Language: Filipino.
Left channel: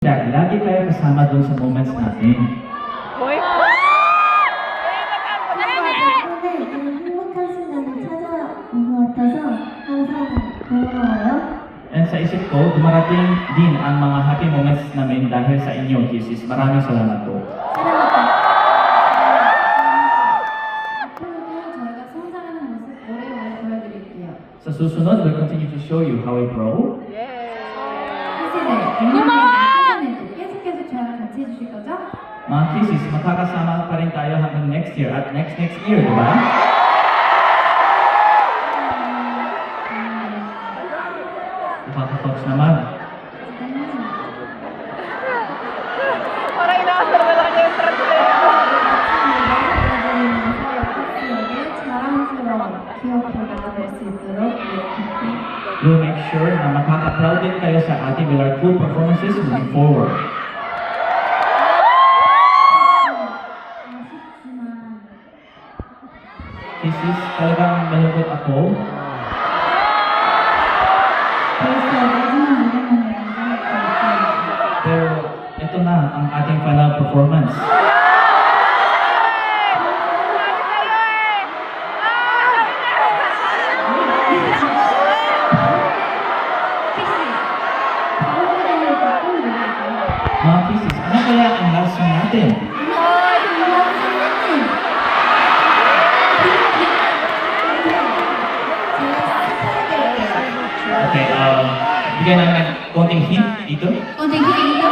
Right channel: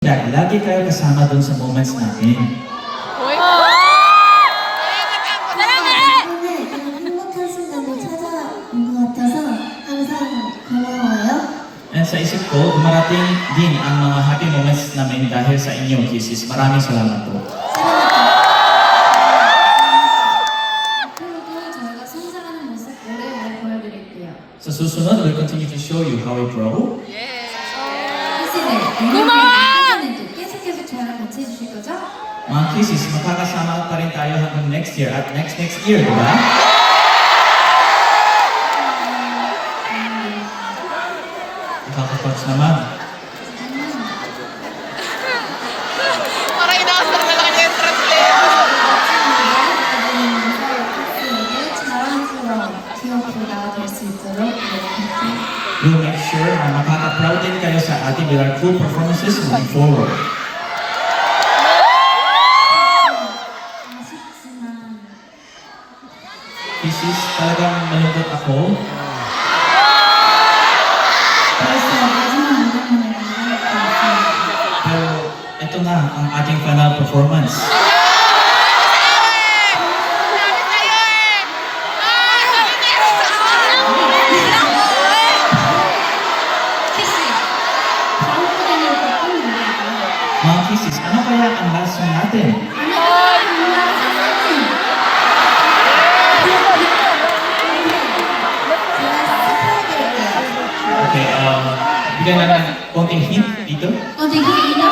Lagi kayo kasama dun sa moments natin. 행복한 순간을 찾아온 것 같아서 항상 고마워요. And sa isip ko, dumarating din ang mga happy moments namin dahil sa inyo, Kisses. Maraming salamat po. 앞으로도 저희가 성장하는 모습 오래오래 보여드릴게요. Sa susunod, we'll continue to show you how we grow. 혜진을 내년에도 계속 저랑 같이 해주실 거죠? Mga Kisses, magkakasama pa rin tayo hanggang next year at next year, di ba? Nakaka-touch naman. Para inaasar na lang niya yung translator. 자랑스러운 기억표가 될 수 있도록 노력할게요. We'll make sure na makaka-proud din kayo sa ating with our true performances moving forward. 아쉽지만 Kisses, talagang malungkot ako. 벌써 마지막 무대만이라는 생각도 있어요. Pero ito na ang ating final performance. 키스, 다음 무대는 어떤 무대일까요? Mga Kisses, ano kaya ang last song natin? Okay, bigyan namin konting hint dito. 되게 이거